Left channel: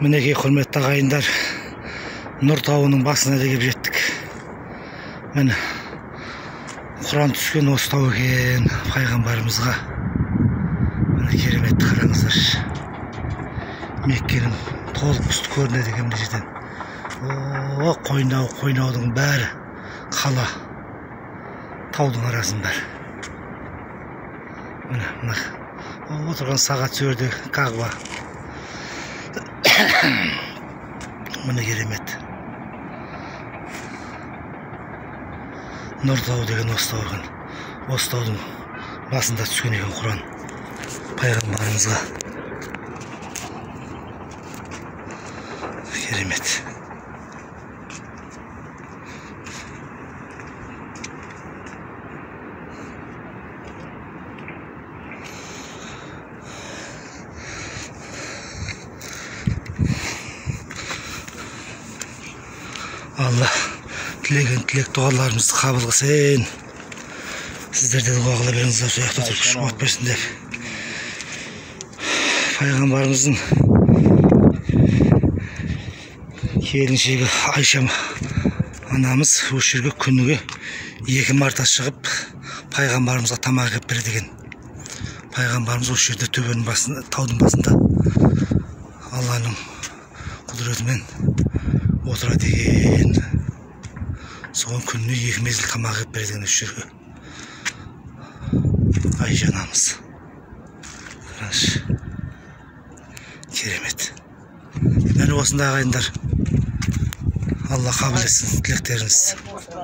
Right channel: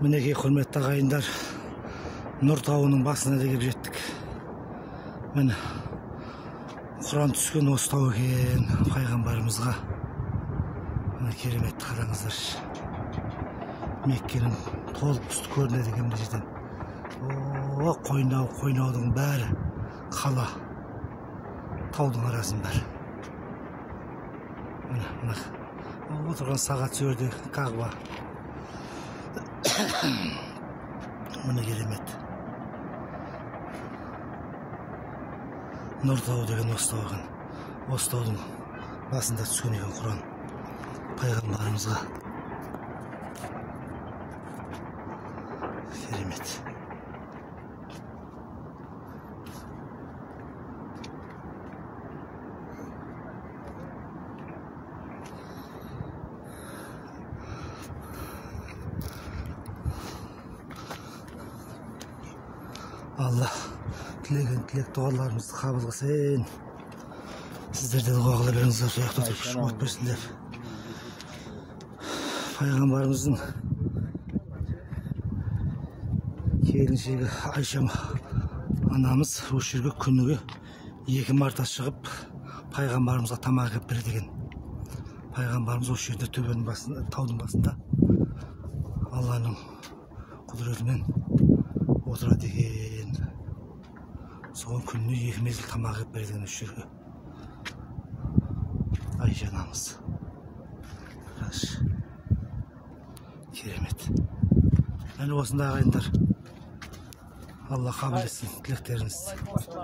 Мінекей құрметті ағайындар, Нұр тауының басына да келіп жеттік. Міне Құран түскен осы тау екен, пайғамбарымызға. Міне керемет, қараңыздар. Меккенің толық үсті көрінеді екен бұл жерден. О, қойнаудың бәрі қала, таудың арасын бәрі. Міне отырған сағат сөрде Кағба. Міне керемет. Нұр тауы деген осы тау екен. Осы таудың басында түскен екен Құран пайғамбарымызға. Керемет. Allah тілеген тілек дұғаларымызды қабыл қылсын. Сіздерде дұға қыла беріңіздер, жақта тұрып күш қуат берсін деп. Пайғамбарымыздың келіншегі Айша анамыз осы жерге күніге 2 марта шығып пайғамбарымызға тамақ әкеліп береді екен. Пайғамбарымыз осы жерде төбенің басында, таудың басында Алланың құдіретімен отырады екен. Соған күніне 2 мезгіл тамақ әкеліп береді екен осы жерге. Айша анамыз. Қараңызшы. Керемет. Міне осындай ағайындар. Алла қабыл етсін тілектеріңізді.